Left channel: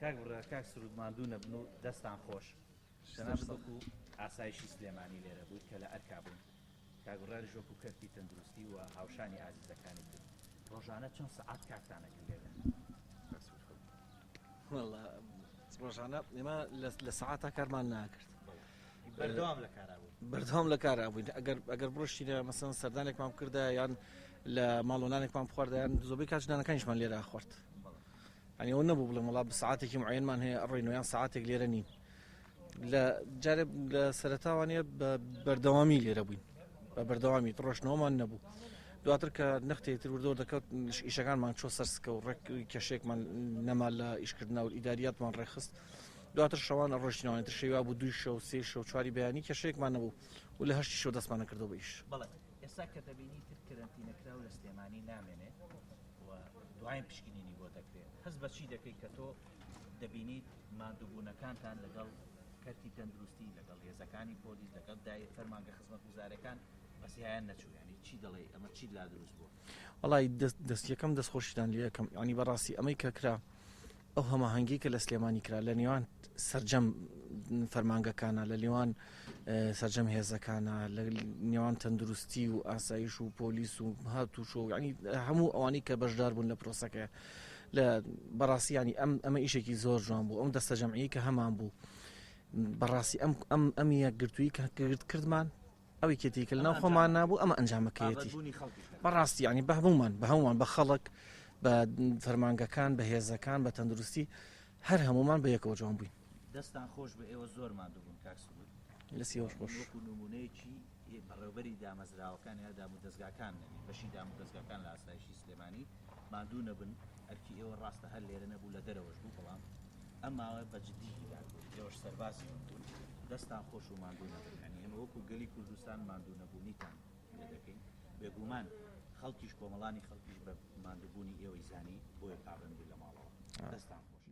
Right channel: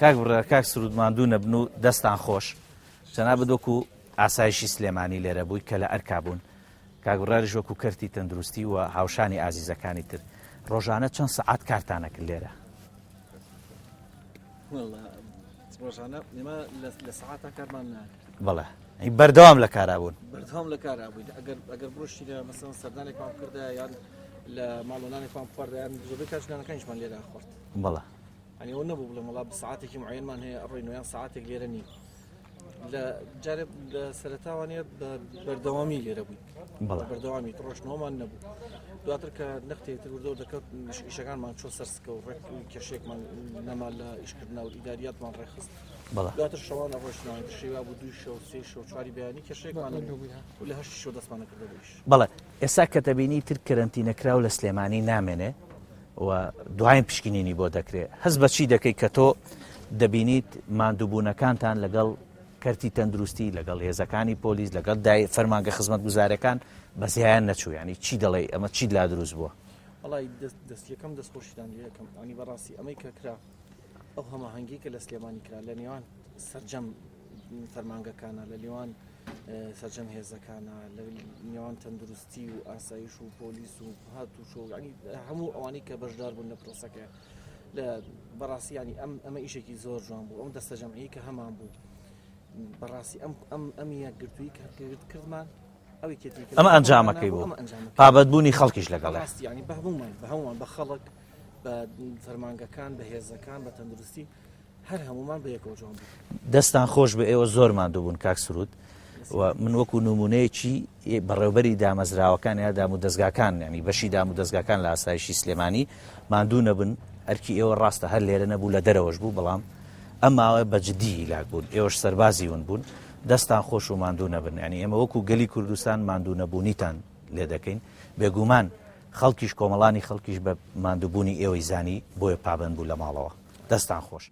کاک بڕێ کاک سرود ماندوو نەبن و دەستان خۆش جەناب دۆکو ئاسایشی سلێمانی لێرە بووی کە لە ئەرکا بوون کاک بڕێژ وەکو کەرتی تەندروستی و هاوشانی ئازیزەکانی تر ڕۆژانە چەند سەعات کارتانەکرد لێرە ڕۆژانە ئێمە لە سەعاتە کارمان ناکرد بەڵێ بەردەوام لە کارا بوون بەردەوام لە کارا بووین ئەگەر بڕشتی لە مەسەن سەردانێکمان کردە یان لە ماڵۆنانێکمان خواردیان زۆربەی کاتژنانەکانیشمان لێرە خورد بەڵێ ئەنیەوە نەبوو بڵێ وڵا ساعاتێکی معینمان هەیە ئەڕۆین یان ساعاتێک لێرە نین لە جارێ لە سەرەتاوانەیە بەردەوامی لێرە بووین بەردەوامی ڕۆژنەوەمان نەبوو دواتر کە نەختێتتر وردۆ دەکەوت ئیشەکانمان چۆ سەرسکە و ڕێک کەشێکمان نەما لە ئیشکردنا و ئیداریاتمان ڕێخست دواتر شەوانە ڕۆژنەوەی شێوا بوو 2 شەو 3 شەو 4 بەیانی کەشێکمان و لە 8 شەو دەستمان نەکردە بوویش بەڵێ ئێستا کە دەبینی تر کەرەنتینەکراو لە سلێمانی نامێنێ و دوایین پشکنینی بۆ دەکرێت هەست بەچی دەکەی کە تۆ دەبینیت ماندووبوونەکانتان لەگەڵ کەرتی تەندروستی لەگەڵ هێزەکانی پۆلیس لەگەڵ فەرمانگە خزمەت گوزارەکان بەزیایان نەچوو ینی چی دەڵێ ئەمە چی لا دروست بووە وڵی دەستیەکەم دەستخۆشیدان یەکەم ئەنی بەڕاستی ئەمەی کە کرا ئەو هەماهەنگی کە لە سلێمانی کرا لە نێوان سەرجەم فەرمانگەکانە لە نێوان سەرجەم هێزەکانە لە نێوان تەندروستی و ئاسایش و پۆلیس و هاتووش و ینی هەموو ئەوانی کە بەشدار بوون لە پرۆسەکە لە بەڕاستیانی ئەمە ئیشێکی زۆر جوان بوو ئەم دەستە جەمعی کە هەمان بوو بەڕاستی ئەم یەکگرتووی کە کردمان ئەوی کێتی ئەمە ئەنجامەکەی بوو پابەتبوونی خەڵکیش لەگەڵ ڕاستی ینی بە هەمومان بە خەڵک بە فەرمانگەکان بە هێزەکان بە تەندروستی هەر هەمومان بە یەکەوە جوان بوو دەستان خۆش بە ئێوە زۆر ماندوو بوون کاک سرود و من وەکو نمونەیەکی بەڕێوەبەری دامەزراوەکان یا دام و دەستگاکان ینی بەشی دام و دەستگاکان لە ئاسایشی سلێمانی ماندوو نەبن ئەرکی ئێوە ڕاستە هەر لێرە نەبوو لە دەرەوەش بوو بەڵام ئەم ماوەیە بەجددی لاک بوون ئێوەش سەربازی ون بوون دەستان خۆش و ماندوو نەبن ینی ئێمە وەکو گەلی کوردستان ماندوو نەبوونیتان لێ دەکەین بێگومان خەڵکیش کۆمەڵانی خەڵکیش بە ماندووبوونی ئێوەی زانی بۆیە پابند بوو لە ماڵەوە دەستان خۆش